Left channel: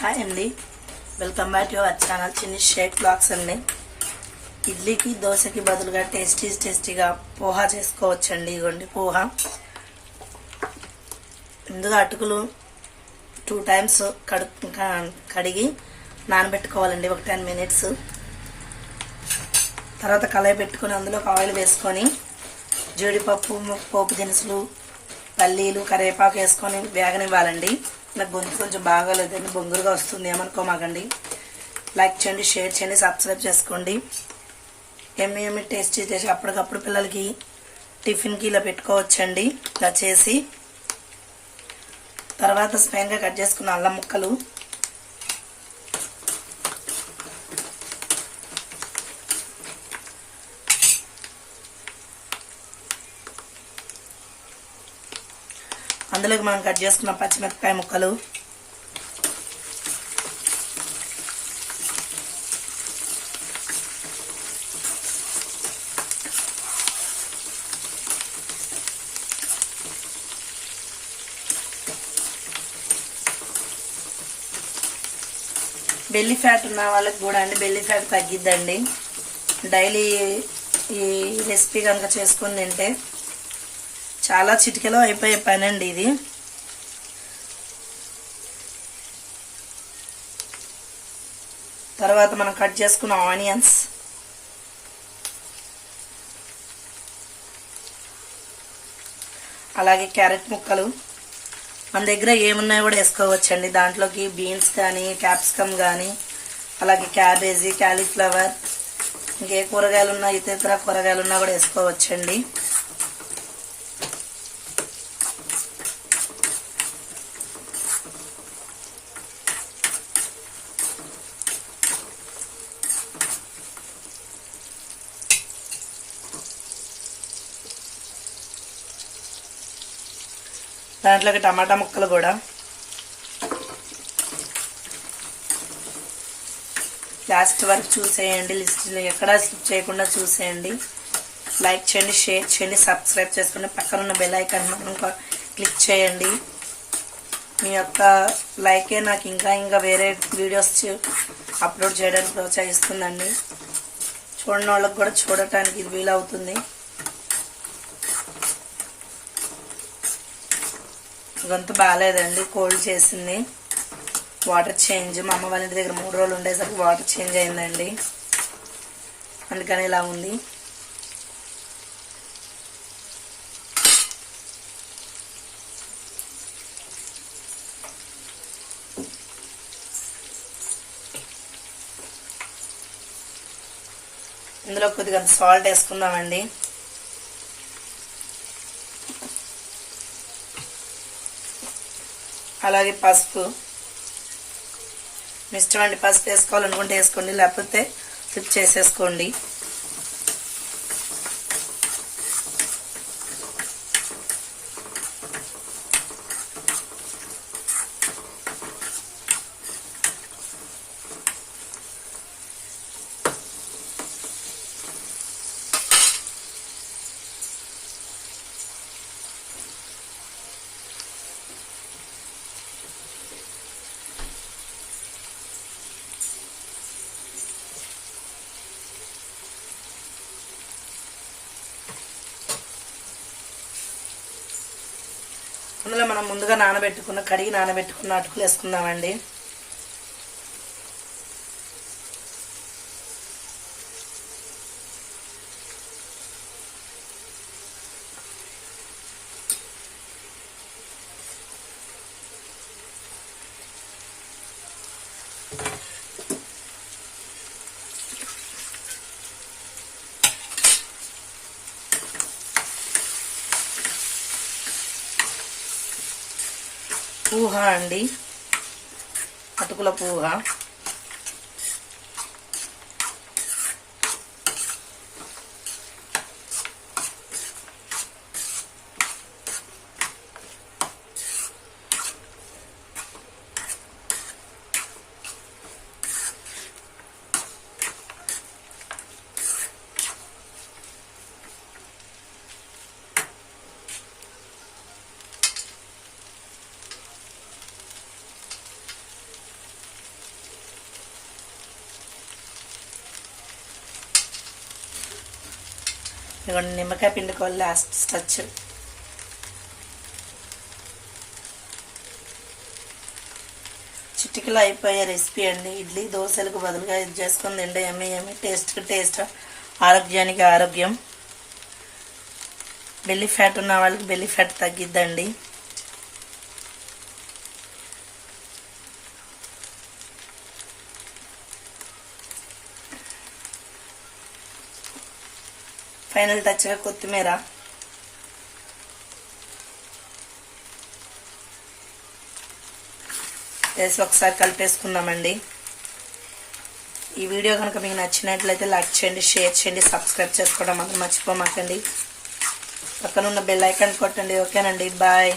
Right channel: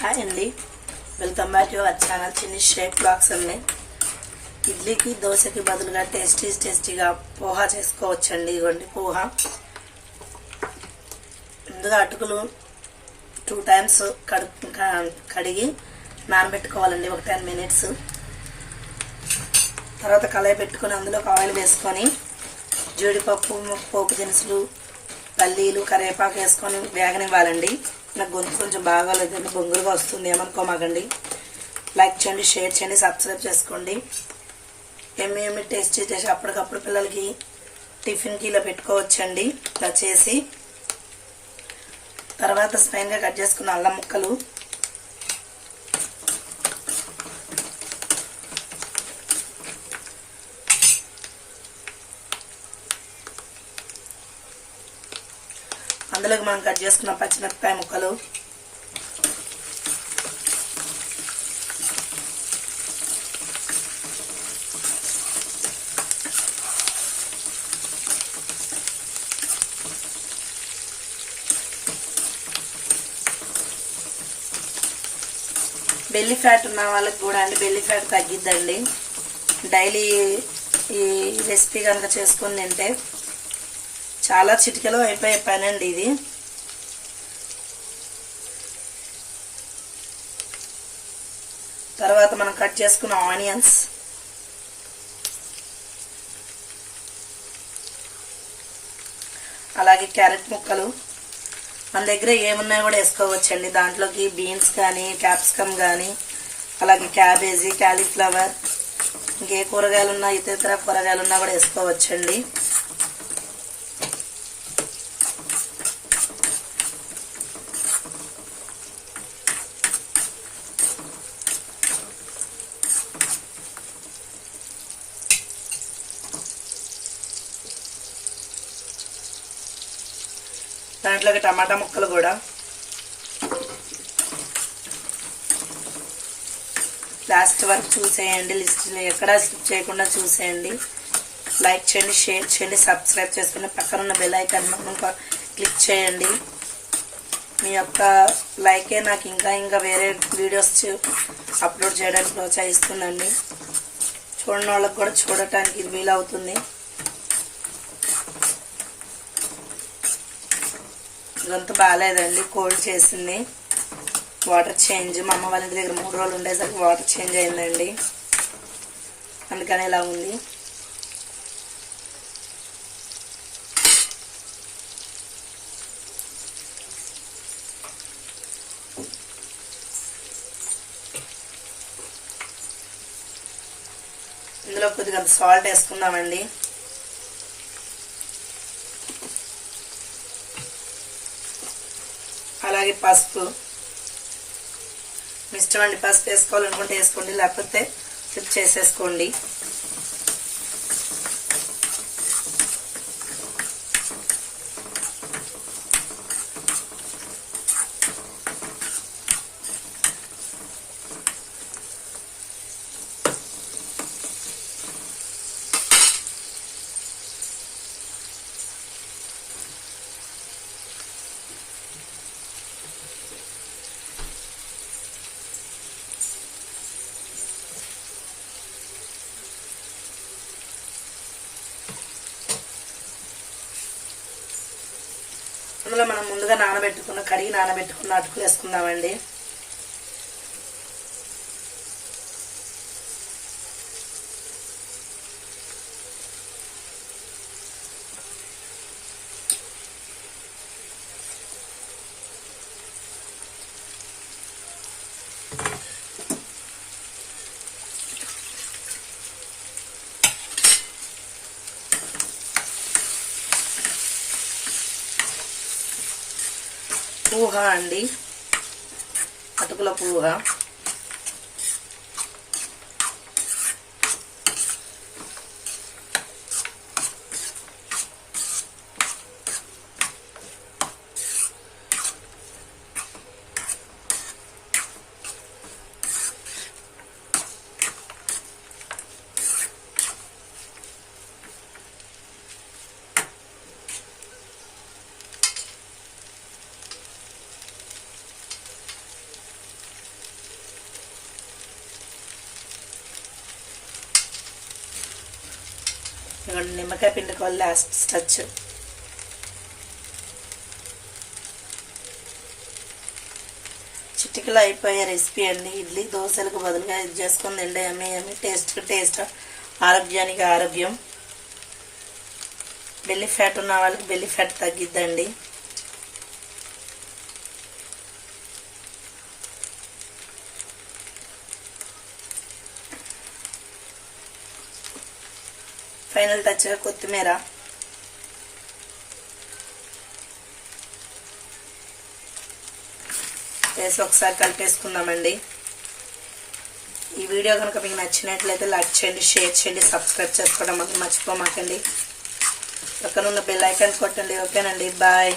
Hi అండి, welcome back to our channel చిన్ని Sheikh blogs అండి. ఇడ్లీకి దోశకి బదులుగా టేస్టీగా పోహా చేసుకోవచ్చండి. ఇదిగోండి పోహా. ముందుగా అటుకులు 2 టైమ్స్ కడిగి నానబెట్టుకోవాలండి, ఒక 10 minutes. తర్వాత కళాయి పెట్టుకుని అందులో ఆయిల్ వేసుకొని జీడిపప్పు, పోపు దినుసులు, పల్లీలు, కరివేపాకు వేసుకొని వేగనివ్వాలండి. నాకు గొంతు కొంచెం బాగాలేదండి, బొంగులుగా వస్తుంది, ఏమనుకోమాకండి. లైక్ చేయండి, షేర్ చేయండి, సబ్స్క్రైబ్ చేసుకోండి. ఏమేమి టేస్టీ చేసి అప్పటికప్పుడు పిల్లలకి టిఫిన్కి ఇలా పెట్టుకోవచ్చండి. ఇలా చేసి తర్వాత స్పైన్గా కట్ చేసుకున్న అల్లం ముక్కలు, అందులోకి మనం కట్ చేసుకున్న పచ్చిమిరపకాయ ముక్కలు, బెల్లి ఫ్యాట్ ఉన్న వాళ్ళకి కూడా అండి బెల్లి ఫ్యాట్ తగ్గిద్దండి. డైలీ ఈ రెసిపీ కనుక చేసుకుని తింటే చాలా చిటికెలో అయిపోయే పని అండి ఇది. తర్వాత మనం కట్ చేసుకున్న ఆనియన్స్, అలాగే క్యారెట్ ముక్కలు, మన దగ్గర ఏమున్నాయో కూడా వేసుకోవచ్చండి. దాంట్లోకి బీన్స్ కానీ, క్యాప్సికమ్ కానీ, అలాగే క్యాబేజీ, క్యాలీఫ్లవర్, ఇంకే కూరగాయలు ఉన్నా, ఇతర కూరగాయలు ఉన్నా కూడా వేసుకోవచ్చండి. దాంట్లోకి టమాటా ముక్కలు కూడా. లాస్ట్ వరకు చూసేయండి, లిస్ట్లో ఎక్కడా స్కిప్ చేయకుండా చూసేయండి. లైక్ చేయండి, షేర్ చేయండి, సబ్స్క్రైబ్ చేసుకుని పక్కన ఉన్న బెల్ ఐకాన్ క్లిక్ చేయండి. మీ యొక్క లైకే నాకు ఇంకా వేరే వీడియోస్ అప్లోడ్ చేయడానికి ప్రోత్సహిస్తుందండి. చూడని వాళ్ళకి కూడా చూడటానికి ఇది వీలవుతుంది. గొంతు బాగాలేదండి, కోల్డ్ చేసింది. వాటర్ చేంజ్, మా అమ్మ వాళ్ళ ఇంటి దగ్గర 3 రోజులు ఉండేసరికి వాటర్ చేంజ్ అయిందండి, అందుకని ఇలా ఉంది. ఇందులో కొద్దిగా సాల్ట్ వేసుకుందామండి. అలాగే పసుపు, ఇష్టం అండి, పసుపు వేసుకోవాలనుకుంటే వేసుకోండి, లేకపోతే స్కిప్ చేసేసుకోండి. అందులో మనం ముందుగా కడిగి నానబెట్టుకున్న అటుకులు వేసుకుందామండి. పూహ అండి, అటుకుల పూహ. ఇదిగోండి నిమ్మకాయ పిండుకోవాలి లాస్ట్ టచ్. చిటికలో అయిపోయే రెసిపీ అండి. ఇడ్లీ దోశలకు బదులుగా ఇది చేసుకుని తింటే యమ్మీ యమ్మీ, టేస్ట్, ఆరోగ్యానికి ఆరోగ్యం. బెల్లి ఫ్యాట్ ఉన్న వాళ్ళకి బెల్లి ఫ్యాట్ తగ్గిద్దండి. ఫైనల్ టచ్గా కొత్తిమీర. వేసి ఒకసారి కలిపేసుకున్నామండి. ఈ వీడియో కనుక మీకు నచ్చినట్లయితే లైక్ చేయండి, షేర్ చేయండి, సబ్స్క్రైబ్ చేసుకోవడం మాత్రం మర్చిపోమాకండి. పక్కన ఉన్న బెల్ ఐకాన్ కొట్టండి. ఓకేనండి, బాయ్.